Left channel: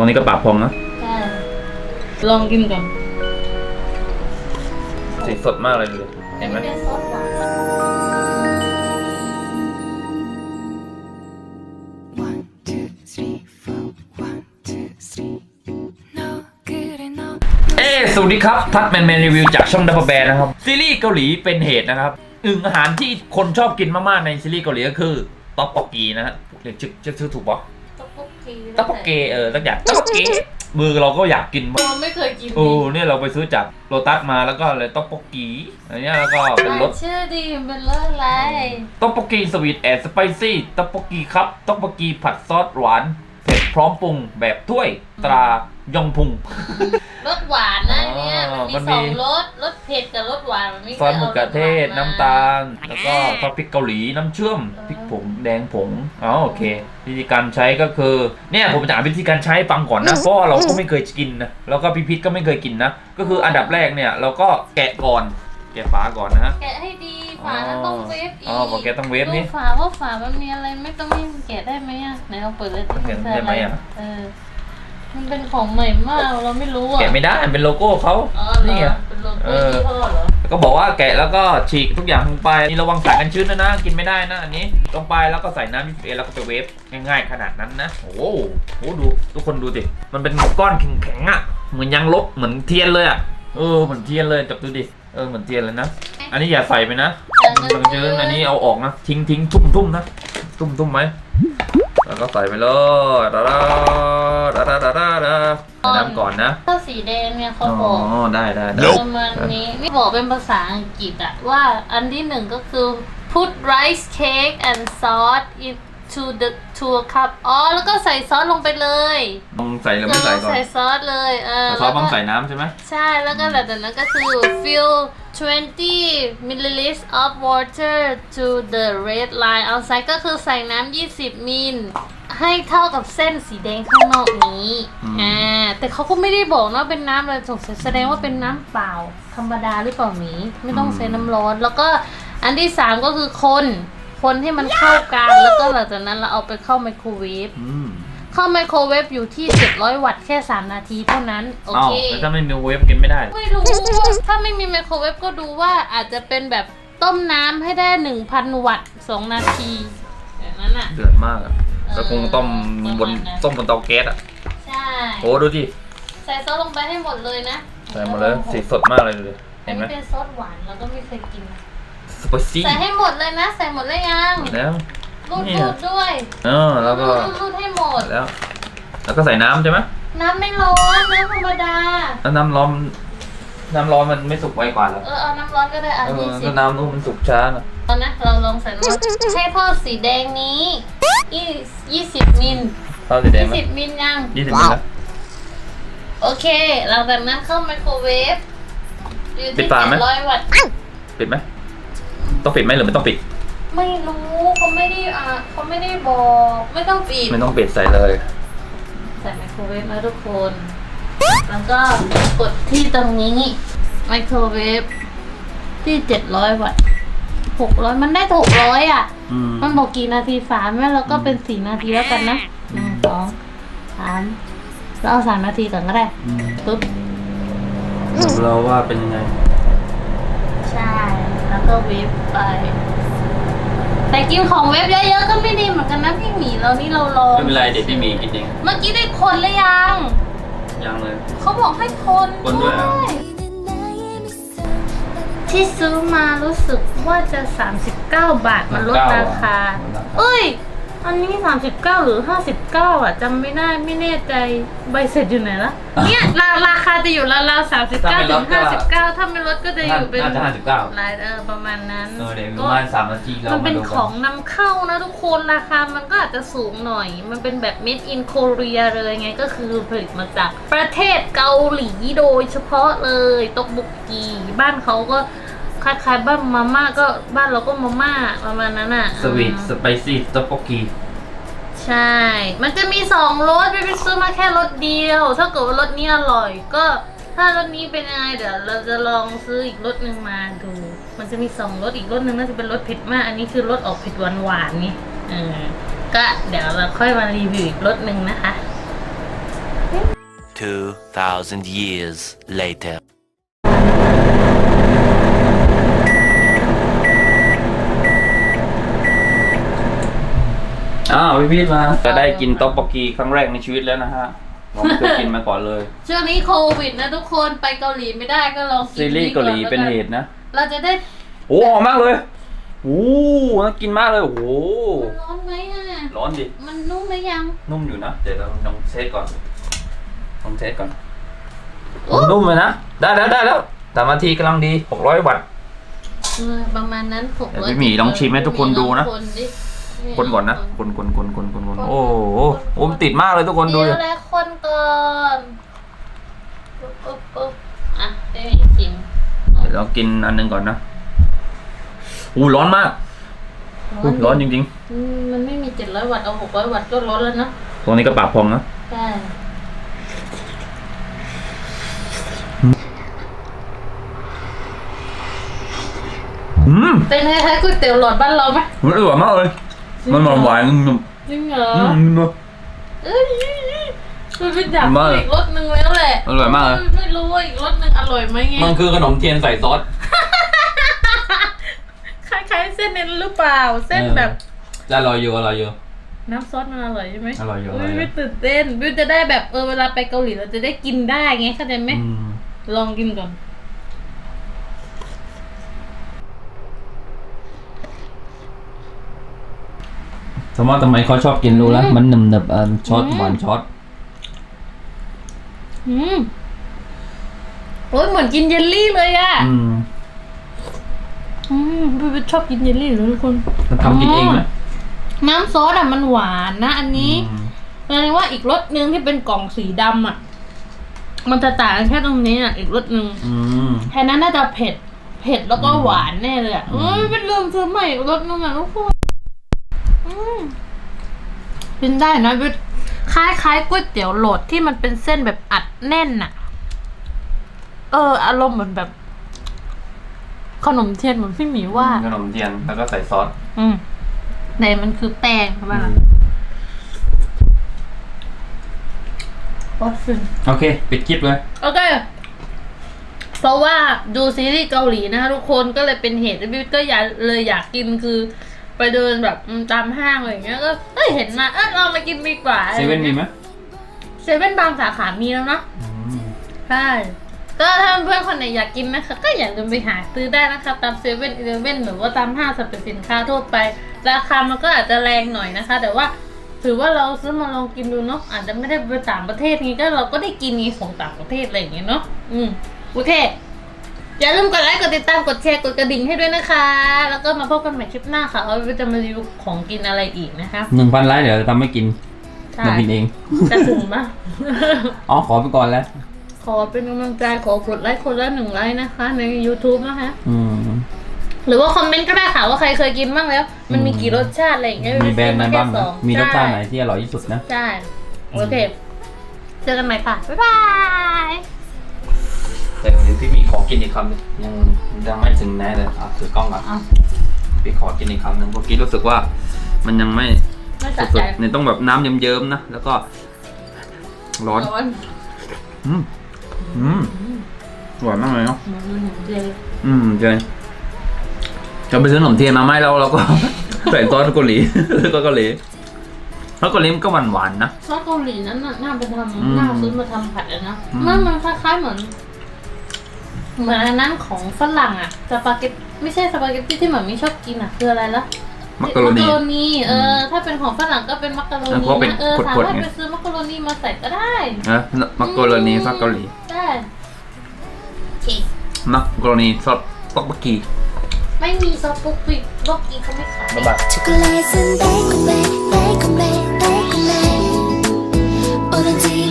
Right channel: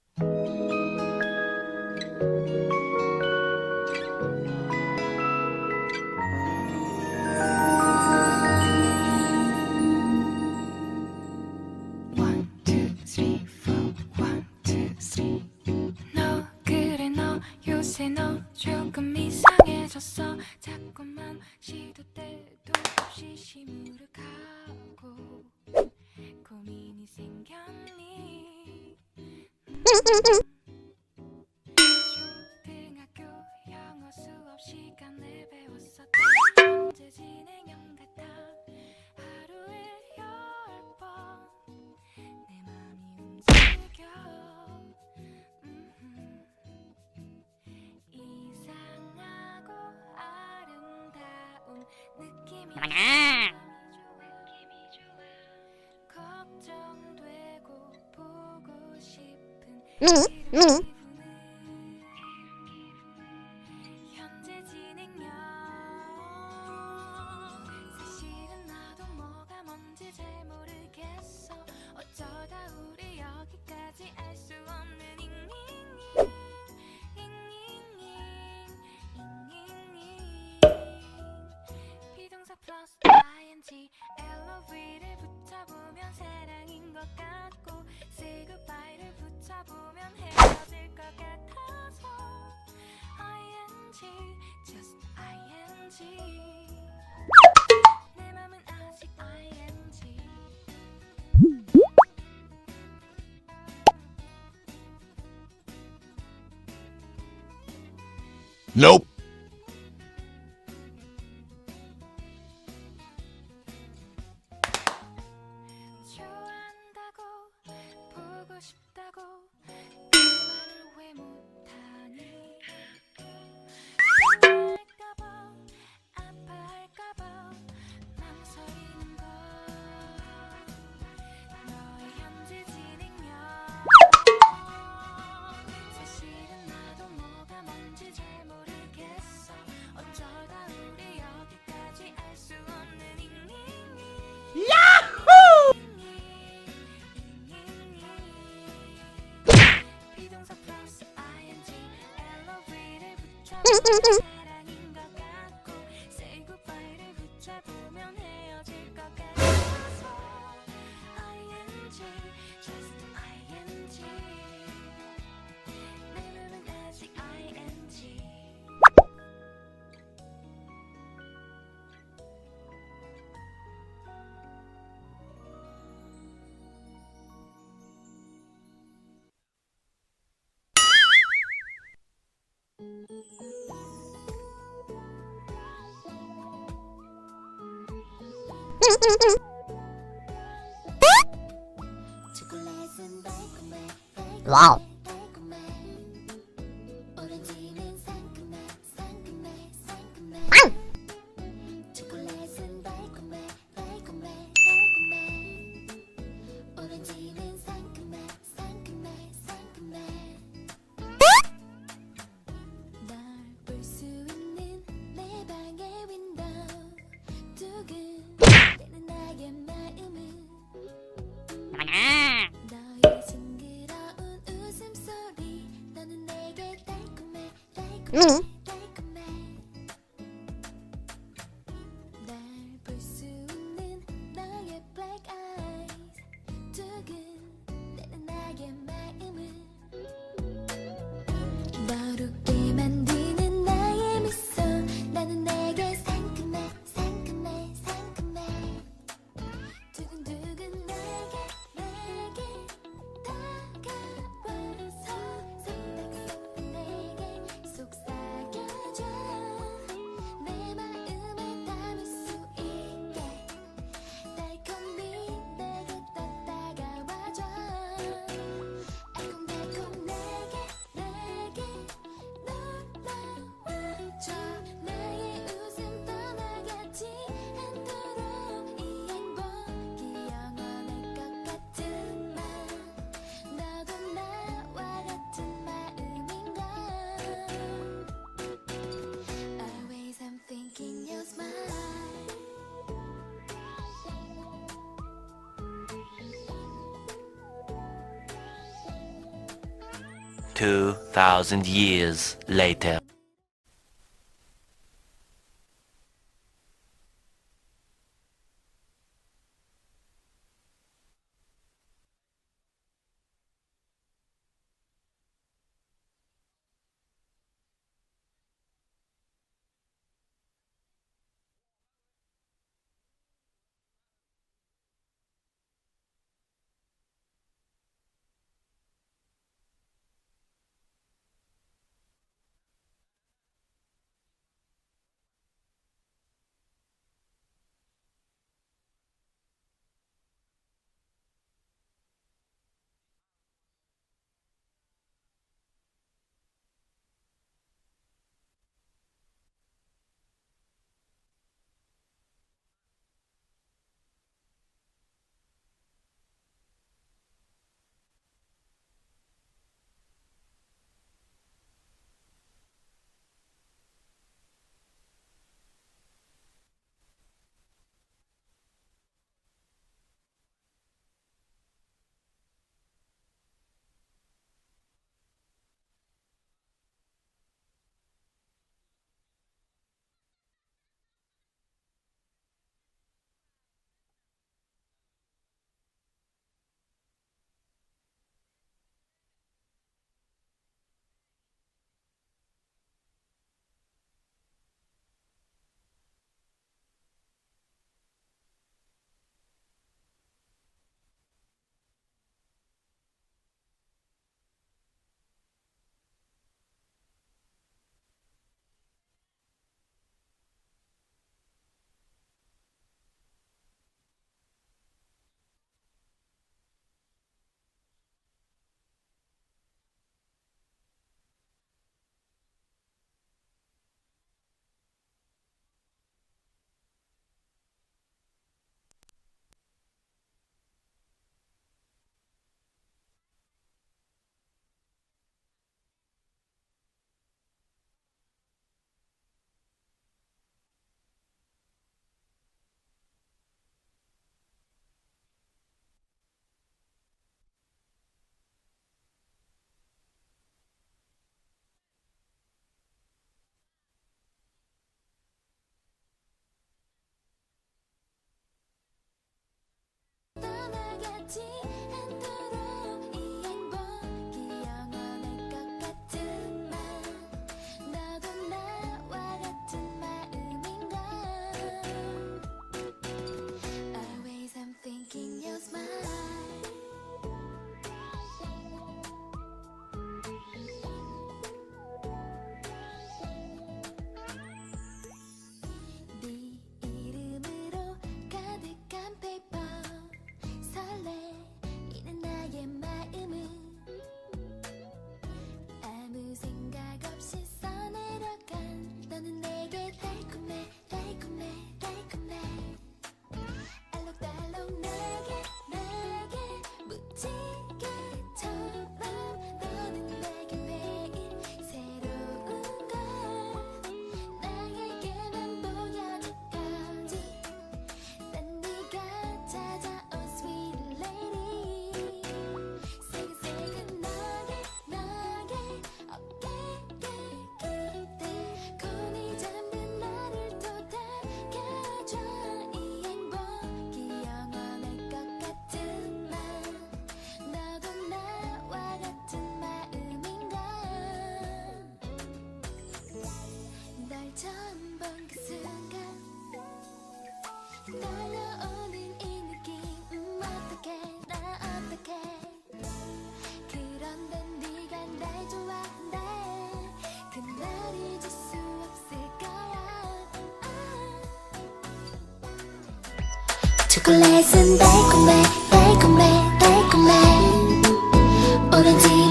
รงนี้ก็ปากพองนะใช่ลองกินก่อนสีสดมากเลยดูเห็นไหมเป็นซอสหวาน One, two, three, four. One, two, three. No good enough. เอ้สวัสดีครับ ทัดแมนแมนรีวิวจากช่องดับเบิลแบนนะครับ ซีรีส์เกาหลีเป็นเหตุนะครับอึ่งอาหารที่คนชอบกินมาก ๆ ในซีรีส์เกาหลีก็คือต๊อกปอกกีนะฮะเรียกชื่อชื่อชื่อถูกปะ ต๊อกโบกีต๊อกปอกเกเออสักอย่างต๊อกปอกเกมือเราก็อยากกินมากเราไม่เคยกินโอ้เนี่ยเราไปซื้อจากโลตัสมาแล้วก็เลยต๊อกปอกกีอันเนี้ยแล้วก็เป็นรสชื่อดีเป็นรสอะไรต๊อกปอกกีสวีทแอนด์สไปซี่ต๊อกปอกกีครับต๊อกปอกกีผัดซอสหวานเผ็ดพร้อมปรุงแบบถ้วยตรายองพุง รสหวานนะเนี่ยอ๋อมันมีมันมีสองรส รสเผ็ดกับรสหวานมันไม่ซอสมะเขือเทศอน้ำตาลแล้วก็ซอสพริกเกาหลีน้ำเชื่อมพริกผงแดงผงอ๋อโอเค วิธีการใช้ก็คือ เนี่ยผมจะอ่านวิธีการใช้ให้ฟังก่อนนะเพราะว่าเราก็ไม่เคยกินนะแล้วก็พี่พิษก็ไม่เคยกินนะ ก็คืออันดับแรกเนี่ยเราก็แกะก่อนแกะฝาก่อนนะฮะแกะให้ดี ฝาแล้วต้องเวฟอีกอ๋อบอกแกะต้องเวฟนี่ ดูฝาว่าฝามันมีอะไรไม่ต้องไม่แกะได้ไหมอะไหนเราเปิดเลยแกะได้ไหมอะเออ มันเป็นของใหม่มากเราไม่รู้อะแกะไม่ได้มันเป็นโลโก้เขาอ๋อเหรอนี่ไงเป็นโลเอโก้อยี่ห้อเหรอก็บอกว่าแกะแล้วก็ฉีกทุกอย่างลงไปนี่ระวังสายกันชื้นนะนะกินไม่ได้นะอันนี้ลงไปแล้วก็ใส่น้ำมิสเอแล้วก็ไปเวฟง่ายๆ ขนาดนั้นนะ โอ้โหโอ้โหดูทุกคนดูดิมันเป็นก้อนแข็งๆอะเหมือนยางลบเหมือนเทียนเลยอะเออเหมือนเทียนเลยจับดูดิเออเหมือนเทียนเลยนะ อันนี้อย่าใส่ไปนะ มันชื้นอันนี้เอาออกนะทิ้งทิ้งทุ่มทุ่มนะ ทุ่มทุ่มไหม แล้วก็ใส่ไปเลยดาดาดาดาดาดาดาน้ำก่อนนะถ้าสีแดงเนี่ยเขาอ๋บอก อได้ได้ได้ ประมาณนี้นี่บอกเป็นภาษาอังกฤษอะว่าอันที่หนึ่งก็คือ put rice cake and sauce into the to a cup อ๋อ แล้วก็ใส่ซอสลงไปเลยต้องใส่หรือไม่ใส่ก่อนใส่ซอสเลยเออแต่ซอสต้องใส่น้ำใช่ไหม ใช่แล้วก็หลังจากนั้นก็คือ fill 20 milliliters of water to the red line outside ก็คือใส่น้ำ 20 มิล ให้เท่ากับเส้นสีแดงข้างนอกนี้อ่า แต่เขาก็ไม่ได้บอกนะว่าเป็นน้ำอะไรสงสัยแสดงว่าเป็นน้ำเปล่า ธรรมดาหรือเปล่าหมีไม่ต้องใช้น้ำร้อน แล้วก็อันที่สามก็คือคน คนให้มันเข้ากัน แล้วก็หลังจากนั้นเราเอาไปเข้าไมโครเวฟ อืม เข้าไมโครเวฟอยู่ที่ 700 วัตต์แค่ 3 นาทีเท่านั้น โออ้าวเคแล้วถ้าไม่มีเวฟกินไม่ได้ ไม่รู้ ถ้าไม่มีไมโครเวฟก็ดูว่าอาจจะเป็นแบบต้มน้ำให้ได้ 1,000 วัตต์ 2 นาทีแบบนั้นอะ เดือดมากอะก็คงต้มบนต้มบนเตาแก๊สอะใช่ โอ้ดูดิใส่ซอสลงไปให้หมดเลยนะใส่หมาเลยสีสดมากเลยดูดิอัเห็นนไหมนี้เป็นซอสหวานเราก็ไม่เคยกิน สไปซี่ใส่ให้หมดเลยนะ ใส่หมดเลยยัง แล้ว รูดเนี่รูยดด้วยเออแล้วก็รูดรูดให้หมด แล้ว แล้วก็ใส่น้ำใช่ไหมน้ำไม่ร้อน น้ำธรรมดา แล้วน้ำร้อน น้ำร้อนมันไม่สุกไวกว่าเหรอ เออเอาน้ำร้อนก็ได้อะเออยี่สิก็บน้ำนู้นมันสุกช้านะตอนนะเราลองใส่น้ำให้ทอดสีแดงนี้ยี่ยี่สิบมิลข้าวสีแดงยี่ไหมสิบมิลยังยี่สิบนะโอเค หลังจากนั้นเข้าไมโครเวฟอยู่ปิที่ดฝาไหมเจ็ดร้อยวัตต์ปิดไหมต้องปิดไหมหรือไม่ต้องปิด ไม่รู้เขาไม่ได้อะเขาไม่ได้บอกไม่ต้องปิดไม่ต้องปิดใส่เลย ใส่ไมโครเวฟนะทุกคน แล้วก็กดที่ตรงนี้ไมโครเวฟที่700วัตต์600มันได้600อะ อืม มันบอกกี่นาทีฝาแม่เราก็เป็น4นาทีแล้วกันนะหนึ่งสองสามแล้วเอาสามนาทีก่อนก็ได้อืมปุ๊บ เราว่าเป็นยังไง ใช่ แล้วก็เวฟไป แต่กินของเวฟเยอะๆก็ไม่ดีเหมือนกันนะพี่หมีเรานี่เราลองไม่เป็นไรเด็กพี่หมีกินเองเมื่อกี้ได้คนหรือยังยังเลย เขาบอกให้คนคนด้วยเหรอ ที่ซื้อมารู้สึกว่าจะ 39 บาทมันลดราคา เอ้ย อันนี้ 39 หรือ 59 อะจำไม่ได้ไม่แน่ใจใบเสร็จอยู่ไหนละเนี่ยราราคาจะอยู่ราวๆ39ถึง59 ถ้าไม่ลดก็จะอยู่เป็นน่าจะห้าสิบเก้าลายเออประมาณนั้นเออเดี๋ยวปก็ระมาณสามนาทีเรามันเป็นมาดูขกัองนำเข้านะทุกคนราคา มันก็อาจจะสูงหน่อย มันเป็นแบบ made in Korea เลยไงก็คือผลิตมาจากประเทศเกาหลีโดยเฉพาะเลยตกบุกกีบ้านเขาก็คล้ายๆบ้านมาม่าก็บ้านเราก็มาม่าประมาณนั้นอะสวีทสไปซี่สต๊อกโกกีใช่ มันจะมีสองรสไม่ไปซื้อมาแค่รสเดียว ถ้าเกิดว่ารสนี้อร่อยก็ ถ้ารสนี้เป็นยังไงเดี๋ยวเราจะลองซื้ออีกรสหนึ่งมาดู มันจะมีสองรสอีกรสหนึ่งน่าจะเป็นรสเผ็ดมาก อันนี้คือรสออกเผ็ดหวานหวานๆนี่เออก็เดี๋ยวเราค่อยมารีวิวอีกรสหนึ่งนะคะนี่2,000 years later. อ้าวพี่พีทมาจะได้กินต๊อกบกกีครั้งแรกในชีวิตแล้วนะฮะ ผมไม่เคยกินมาก่อนเลย ช่วงนี้โควิดนะทุกคนไปเกาหลีไม่ได้ก็ลองกินซีรีส์เกาหลีเป็นเหตุนะ เราจะได้โอ้หอมมากเลยโอ้น่ากินมากเลยโอ้โหมันร้อนไหมอะ ร้อนดิ มันนุ่มหรือยัง นุ่มอยู่นะ เดี๋ยวเราลองเทสก่อนลองเทสก่อนโอ้นุ่มเลยนะ ได้แล้วได้แล้วสามนาทีกำลังดี600วัตต์เออประมาณนั้นหกเดี๋ยวร้อยพี่หมีลองชิมให้ทุกคนดูนะ คนดิคนก่อนนะ คนคนคนคนคนคนโอ้โหโอ้มนติดมากเลยทุกคนดูเดี๋ดิยวแล้วคนก่อนปุ๊บปุ๊บปุ๊บอะได้ไหมชิมเดี๋ยวเรากินอันหนึงก่อนนะอู้ร้อนมากอู้ร้อนจริงอืมมันไม่มีเจ็ดร้อยวัตต์เอาหกร้อยวัตต์ก็ร้อนแล้วเนอะๆ ตรงนี้ก็ปากพองนะ ใช่อืมเป็นคล้ายๆก๋วยเตี๋ยวหลอดบ้านเราไหมมันอร่อยมากเลย มันหวานหวานๆนุ่มจริงเหรอๆอืมนุ่มเอ้ยมันเป็นอยากมากกินอีกรสหนึ่งแล้วแหละอร่อยมากเลย ไม่รู้ว่าอีกรสหนึ่งอร่อยไหมไงมันคือขนมเทียนใส่ซอส คล้ายๆเส้นนั้นหรือเปล่า เส้นเออแบบอร่อยอยู่อร่อยอยู่ น้ำซอสมันอร่อยใช่ไหมอร่อยอยู่อุ้อร่อยอยู่ไม่ตื่นเต้นวิวจะได้แบบเออเวลาไปเกาหลีเราจะได้กินได้ไงเข้าใจไหมอืมลองกินก่อน มมติทำไมเขาชอบกินรู้แล้วอืมมันหนึบหนึบๆเอ่อช็อตอืมหวานช็อตอืมโอ้ยเหมือนกินเยลลี่เลยอะอืมอืมวิวชอบกินเยลลี่เหรอทุกคนมันทำกินเองไหมน้ำซอสอะมันหวานนะ อันนี้อืมแสดงว่าอีกรสหนึ่งที่เป็นกล่องสีดำอะมันจะต่างกันแค่ตรงนี้อะอีกรสหนึ่งอืม แค่นั้นน่าจะเผ็ด เผ็ดแล้วก็อืมหวานแน่เลยอะอืเอ้มยเป็นเริ่มซื้อใหม่อีกรสหนึงอะทุกคนอืม กินได้นะวิทคล้ายคล้ายๆก๋วยเตี๋ยวโหลดที่มันเป็นเส้นแบบอัดแน่นอะเออ อารมณ์เหมือนแบบ ขนมเทียนเหมือนพี่หมีว่า ขนมเทียนแล้วก็ใส่ซอสอืมในมันคือแป้งใช่ไหมล่ะวัดฟินโอเค ปิดคลิปเลย โอเค เพราะว่าดูซีรีส์เกาหลีนะคะทุกคนก็เลยเป็นเหตุที่บิ๊กก็อยากเลยอยากกินคือ ไปเดินแบบอืมตามห้างอะไรอย่างเงี้ยก็เอ้ยเห็นมาเออเรามากินดีกว่าเซเว่นมีไหมเซเว่นบางสาขามีแล้วเนาะใช่ก็ถ้าเพื่อนคนไหนอยากกินนะคะก็อย่าลืมไปหาซื้อได้นะคะตามเซเว่นอีเลเว่นหรือว่าตามห้างสรรพสินค้าทั่วไป ราคามันก็อาจจะแรงหน่อยนะคะ แต่ว่าถือว่าเราซื้อมาลองกินดูเนาะอาจจะไม่ได้ไปต่างประเทศนี้ก็เราก็ได้กินนี้ของต่างประเทศอะไรอย่างเงี้ยเนาะอืมโอเค อย่าลืมกดไลค์กดติดตามกดแชร์กดกระดิ่งให้ด้วยนะคะ แล้วก็มาพบกันใหม่คลิปหน้าค่ะว่าจะมารีวิวของกินอะไรอีกนะคะหนึ่งพันไลค์เดี๋ยวทำให้กินใช่ทำกินเอง จะถึงปะอ๋อ ขอไปก่อนแล้ว ขอเป็นกำลังใจขอกดไลค์คนละหนึ่งไลค์นะคะ ใน YouTube นะคะ อืม หรือว่าคอมเมนต์ก็ได้ค่ะว่าใครเคยกินบ้างแล้ว มันมีกี่รสชาติอะไรอย่างเงี้ยมีแบรนด์ไหนบ้างแค่นะสอมีรสชาติไหนที่อร่อยที่สุดนะ ใช่ โอเค เจอกันใหม่ค่ะ บ๊ายบาย แต่เดี๋ยวพี่มีขอกินอีกคำหนึ่งยังยังไม่ถึงแน่เลยอะถือกล้องก่อนอะพี่ขอกินอีกคำหนึ่งเมื่อกี้รู้สึกว่า มันยังไม่ไม่สะสุใจดๆเนี่ยต้องแบบน้ำเยิ้มๆนะแล้วก็ร้อนร้อนอืมอืมหวานมากเลยเนาะอืมเดี๋ยวอืมเจนจะไปซื้อขนมเทียนมาไหมเราเราก็ ใส่ซอสเกาหลี แล้วก็เกาหลีแล้วเกาหลีมันก็หวานหวานๆนะ ซอสเกาหลีนั้นน่ะน่าไปทอืมำน่าซื้อมาทำผัดเลยนะอืม มันมันคล้ายๆเหมือน เหมือนอันนั้นของฝรั่งอะสปาเกตไม่ใช่สปาเกตตี้ที่เหมือนมีชอบกินอะคืออะไรละ มักกะโรนี นีเออ ถ้าเป็นของฝรั่งก็เป็นมักกะโร แล้ว นี ก็เป็น นะเออ ขวดๆ สามารถ ไง ไปซื้อมักกะโรนีมาใส่ก็ได้ นะมักกะโรนีซอสเกาหลี ได้โอเค มักกะโรนีซอสต๊อกบกกี ไม่มีซอสปุ๊กปิ๊กโลกกีเขาไม่ขาย บ๊ายบาย 초콜릿은 달콤해 달콤해 달콤해 오렌지